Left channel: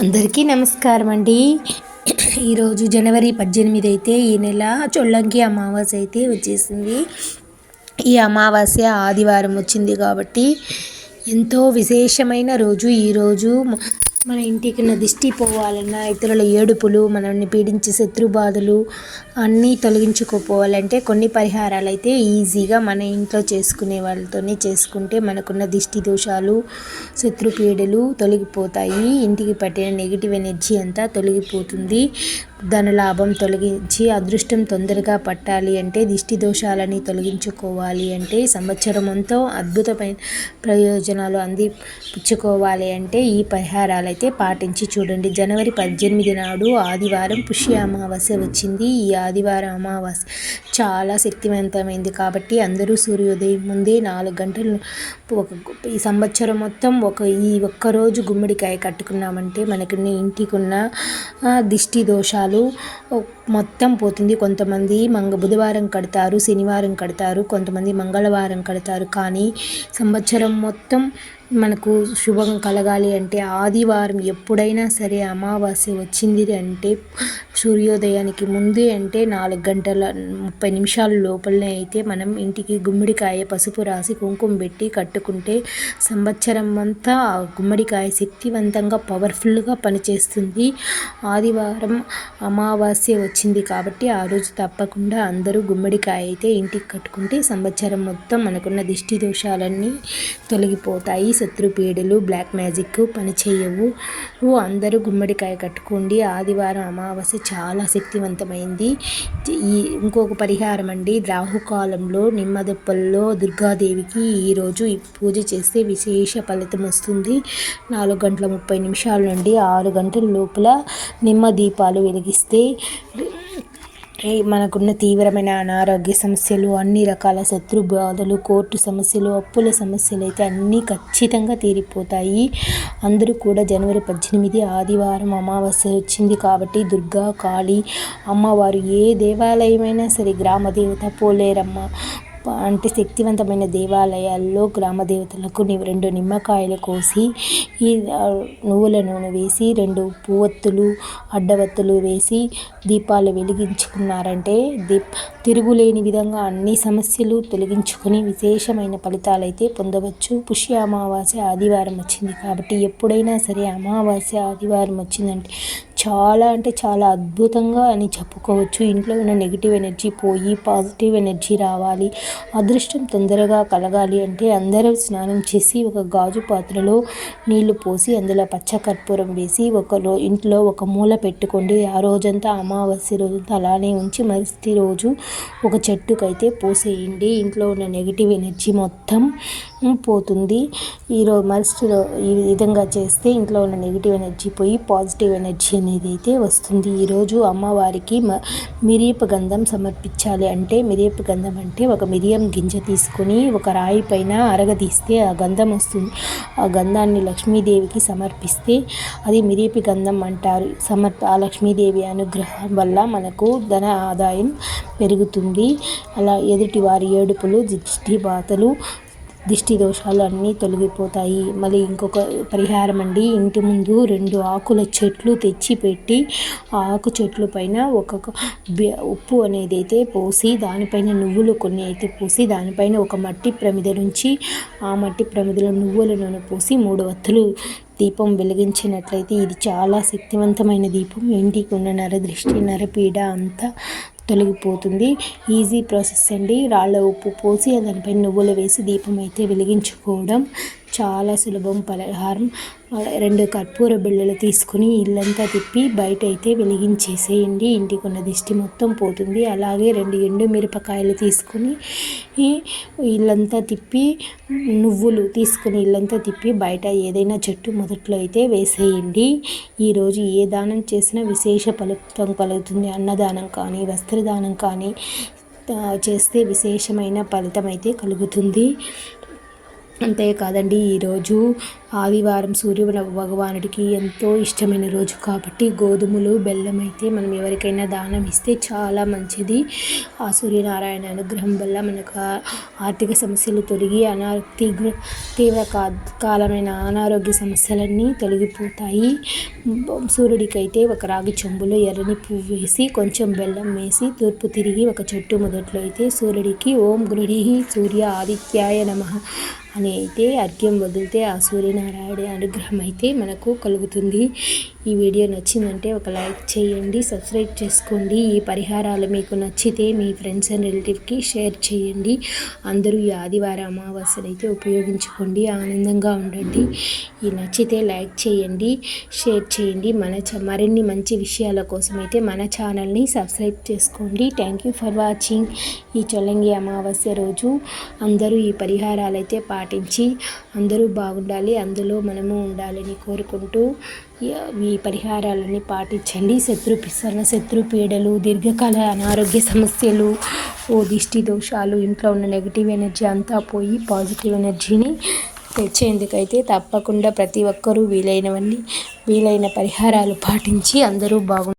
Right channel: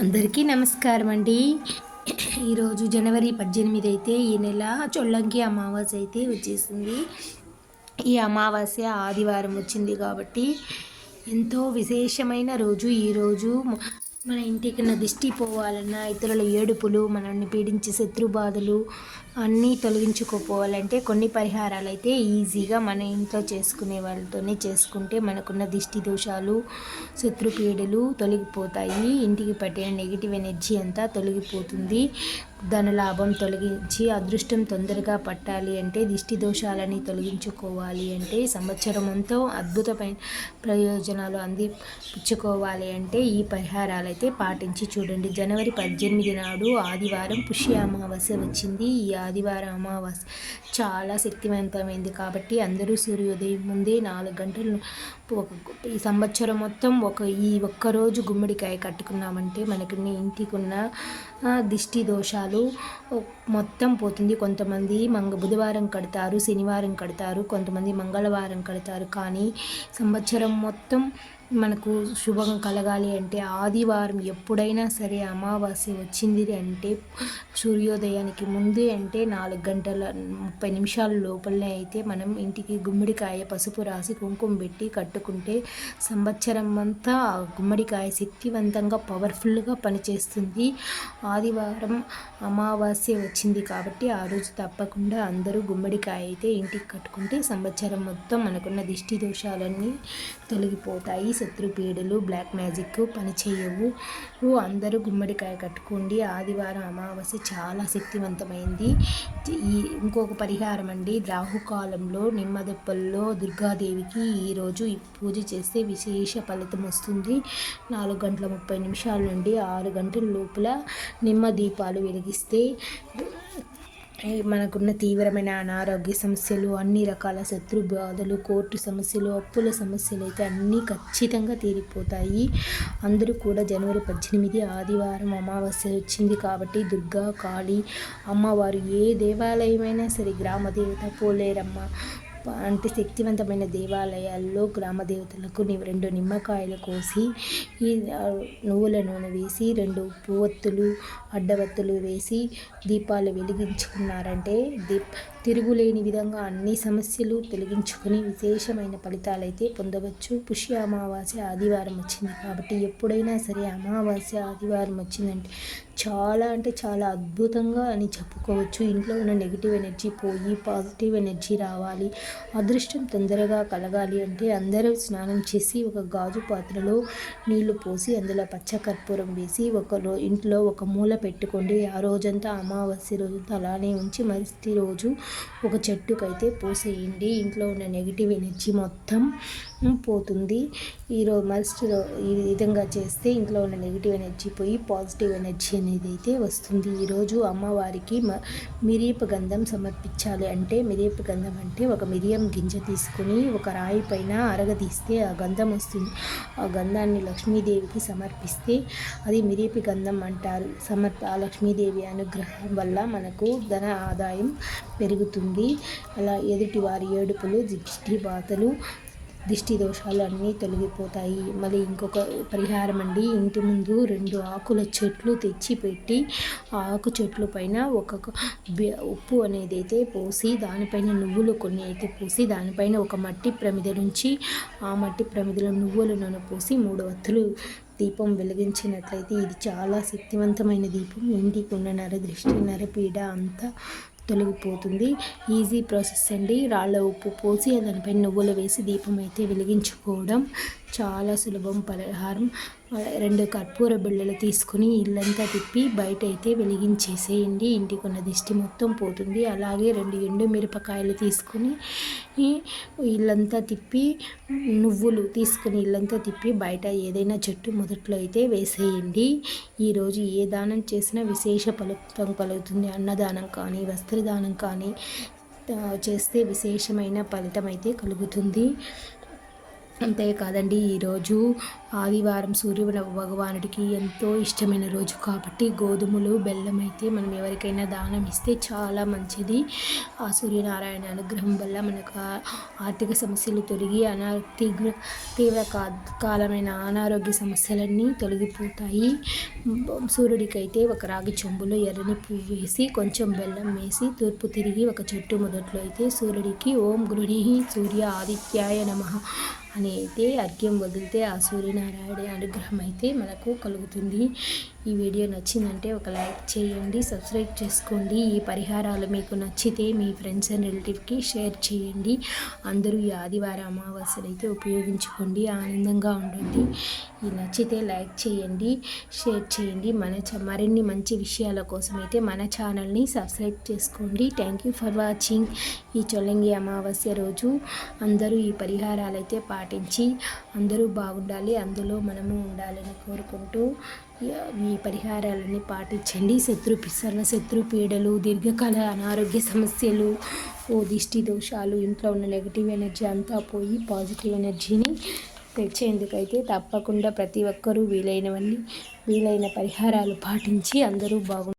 అందరికీ నమస్కారం అండి. ఈరోజు జనవరి 18 అయితే ఈ నెల చొల్లంకి అమావాస్య అయితే వచ్చేసింది. ఈ అమావాస్య ఆదివారం వచ్చింది కాబట్టి ఎంతో విశేషమైన రోజు. ఈరోజు మన ఇంటికి దిష్టి పోవాలన్నా, ఇతరుల ఏడుపులు, మనల్ని పీడించే శత్రు బాధలు అన్నీ తొలగించుకోపోవాలంటే కొన్ని పరిహారాలు అయితే ఈజీగా మన ఇంట్లో చేసుకునే వాళ్ళతోనే చేసుకుంటే మనకున్న దిష్టి దోషాలు, శత్రు పీడలు తొలగిపోతాయి. ఇంటికి పట్టిన నెగిటివ్ ఎనర్జీ అంతా తొలగిపోతుంది. ధనలాభం తొలగించి అదృష్టం తొందరగా పట్టాలి అంటే, దిష్టి దోషాలని తొలగించుకోవాలి అంటే, సంవత్సరం అంతా అద్భుతమైన ప్రయోజనాలు అందిపుచ్చుకోవాలి అంటే ఈ పరిహారాలు అయితే పాటించి చూడండి. జనవరి 18 నాడు ఆదివారం పుష్య అమావాస్య వచ్చింది. ఈ ఆదివారం అమావాస్య చాలా శక్తివంతమైంది కాబట్టి అందరూ సూర్యోదయం ముందే 4 గంటలు ఈ సంవత్సరం మొత్తం ఈ ఒక్కరోజు గుమ్మడికాయ కట్టుకున్నామంటే మనకి ఇంటికి ఉన్న దిష్టి దోషాలు మొత్తం పోతుంది. కొంతమంది బుధవారం కడతారు, శనివారం కడతారు, కొంతమంది మంగళవారం కడతారు. కానీ సంవత్సరం మొత్తం మనకు శుభం కలగాలి అంటే ఆదివారం ఎప్పుడైనా సరే అమావాస్య వచ్చింది అంటే సూర్యోదయానికి ముందే అంటే 4:30 లోపలనే అయితే మనం ఇంటికి గుమ్మడికాయ పసుపు రాసి కుంకుమ పెట్టి కట్టుకుంటే సంవత్సరం అంతా ఆ గుమ్మడికాయ శక్తివంతంగా పవర్ఫుల్గా పనిచేస్తుంది. ఆదివారం అమావాస్య వచ్చింది కాబట్టి ఆ రోజు తప్పకుండా అందరూ గుమ్మడికాయ అయితే ఇంటికి కట్టుకుంటే సంవత్సరం మొత్తం మనకున్న దిష్టి దోషాలన్నీ తొలగిపోతాయి. శత్రు పీడలు, బ్లాక్ మ్యాజిక్ పనిచేయవు. అందరూ గుమ్మడికాయ కట్టుకోండి. ఆదివారం అమావాస్య చాలా శక్తివంతమైంది. ఇంకొక పరిహారం అండి, రాహుకాలంలో నిమ్మదెప్పల్లో దుర్గాదేవికి ఈరోజు పూజ చేస్తే విశేష ఫలితం వస్తుంది. 4:30 నుండి 6 గంటల లోపల నిమ్మ దీపాలు వెలిగిస్తే మనకున్న తీవ్రమైన అనారోగ్య సమస్యలు, అన్ని రకాల శత్రు బాధలు, కోర్టు సమస్యలు, అప్పుల సమస్యలు అయితే అన్నీ ఖచ్చితంగా తీరిపోతాయి. అందరూ కూడా జనవరి 18 ఆదివారం అమావాస్య వచ్చింది కాబట్టి దుర్గా, కాళీ అమ్మవారు ఏ దేవాలయమైనా సరే, గ్రామ దేవత, పోలేరమ్మ అంటే శక్తివంతమైన దేవాలయాల్లో గ్రామ దేవతలకు 2 నిమ్మకాయలు కోసి ఈ నువ్వుల నూనె వేసి 2 పువ్వొత్తులు, అడ్డవత్తులు వేసి దీపాలు వెలిగించుకున్నారంటే తిరుగులేని విధంగా అన్ని సమస్యలు తొలగించుకొని విశేషమైన ఫలితాలైతే పొందవచ్చు. పుష్య అమావాస్య ఆదివారం వచ్చింది కాబట్టి ఎప్పుడైనా సరే అమావాస్య ఆదివారం వచ్చిందంటే చాలా అంటే చాలా అద్భుతంగా అని చెప్పుకోవచ్చు. ఇంట్లో ఉన్న నెగిటివ్ ఎనర్జీ పోయి పాజిటివ్ ఎనర్జీ రావాలి, అదృష్టం తొందరగా కలగాలి అంటే అందరూ స్నానం చేసి ఒక గాజు పాత్రలో నీళ్లు పోసి అందులో పచ్చకర్పూరం వేసి ఇంట్లో ఒక మూల పెట్టుకోండి. ఆ రోజంతా అమావాస్య రోజంతా అలానే ఉంచి మరుసటి రోజు ఒక చెట్టుకైతే పోసేయండి. ఇంట్లో ఉన్న నెగిటివ్ ఎనర్జీ మొత్తం పోతుంది. ఈ విధంగా చేస్తే ఇంట్లో ఉన్న నెగిటివ్ ఎనర్జీ పోయి పాజిటివ్ ఎనర్జీ అనేది అయితే వస్తుంది. ఈరోజు అమ్మవారికి మిరియపు గంధం సమర్పించాలి. అంటే మిరియపు గంధం అంటే ఒక మిరియం గింజ తీసుకొని ఒక రాయి పైన అరగదీస్తే ఆ గంధం వస్తుంది. ఆ గంధాన్ని లక్ష్మీదేవికి సమర్పిస్తే అది మిరియపు గంధం అంటారు. ఆ లక్ష్మీదేవి అనుగ్రహం వల్ల మనకు ధన ఆదాయం పెరుగుతుంది. అలా ఎదుటి వారి ఏడుపులు, దిష్టి బాధలు, దిష్టి దోషాలు అన్నీ తొలగిపోతాయి. మళ్ళీ ఇంకొక పరిహారం అండి, ఇంటి ముందు 2 ఆకుల చెట్లు తెచ్చి పెట్టి ఆ ఆకు చెట్ల పైన ఉప్పు అనేది అయితే పోసి దానిపైన నువ్వులు కొన్ని అయితే పోసి దానిపైన ఒక మట్టి ప్రమిద నుంచి ఆ మట్టి ప్రమిదలో నువ్వుల నూనె పోసి 3 వత్తులు దీపం వెలిగించినట్లయితే ఇది చాలా శక్తివంతమైన దీపం. ఇంటికి ఉన్న నరదృష్టి, నరపీడ అంతా తొలగిపోతుంది. ఈజీ ప్రాసెస్ అండి. రాళ్ళ ఉప్పు పోసి దానిపైన నువ్వులు వేసి దీపం అయితే వెలిగించుకోవడం చాలా సులభం పరిహారం. 2 కర్పూర బిళ్ళలు తీసుకుని ఇల్లంతా తిప్పి బయట అయితే వెలిగించేసేయండి. ఇంటికి ఉన్న దిష్టి మొత్తం పోతుంది. అలాగే 2 ఎండు మిరపకాయలు తీసుకుని ఇల్లంతా తిప్పి, నువ్వులు తీసుకుని ఇల్లంతా తిప్పి బయట ఏదైనా చెట్టు మొదట్లో అయితే వేసేయండి. ఈరోజు ఏ దానం చేసినా విశేష ఫలితం కలుగుతుంది. అన్నదానం కానీ, వస్త్రదానం కానీ చేస్తే విశేషమైన ఫలితం అయితే కలుగుతుంది. అంతేకాదండి, ఈరోజు ఆదివారం సూర్య భగవానుడికి ఎంతో ఇష్టమైన రోజు కాబట్టి గోధుమలు బెల్లం అయితే మనం ఎవరికైనా దానం ఇస్తే చాలా మంచిది. ఆ సూర్యనారాయణ అనుగ్రహం వల్ల మనకు ఆర్థిక సమస్యలు తొలగి తీవ్రకాలమైన అనారోగ్య సమస్యలన్నీ తొలగిపోతాయి. సూర్యుడికైతే ఒక రాగి చెంబులో ఎర్రని పువ్వు వేసి కొంచెం బెల్లం వేసి తూర్పు తిరిగి ఒక చెట్టు మొదట్లో అయితే సూర్యుడికి ఓం గృహీః సూర్య ఆదిత్యాయ నమః అని అయితే అర్ఘ్యం వదిలితే ఆ సూర్యనారాయణ అనుగ్రహం అయితే మనకు కలుగుతుంది. ఈ వీడియో నచ్చిందంటే ఒక లైక్ చేయండి, సబ్స్క్రైబ్ చేసుకోండి. ఈ పరిహారాలు మీకు నచ్చితే మీ ఫ్రెండ్స్ అండ్ రిలేటివ్కి షేర్ చేయండి. అందరూ ఈ ఆదివారం అమావాస్యను అయితే ఉపయోగించుకోండి, ఆనందంగా ఉండండి. ఈ నచ్చితే లైక్ చేయండి, షేర్ చేయండి. మరిన్ని మంచి విషయాల కోసం అయితే మన ఛానల్ని సబ్స్క్రైబ్ చేసుకోండి. Thank you for watching. ఈ చొల్లంగి అమావాస్య రోజు అందరూ ఈ పరిహారాలు అయితే పాటించి అందరూ బాగుండాలి, అందులో మనము ఉండాలని కోరుకుంటూ ఈ పరిహారాలన్నీ పాటించండి. శత్రు పీడలు, దీర్ఘకాల అనారోగ్య సమస్యలు, దిష్టి దోషాలు, ఇంట్లో ఉన్న నెగిటివ్ ఎనర్జీ అంతా పోయి పాజిటివ్ ఎనర్జీని తెచ్చేందుకైతే తప్పకుండా ప్రతి ఒక్కరూ వీలైన పరిహారాలు పాటించి అందరూ బాగుండాలి.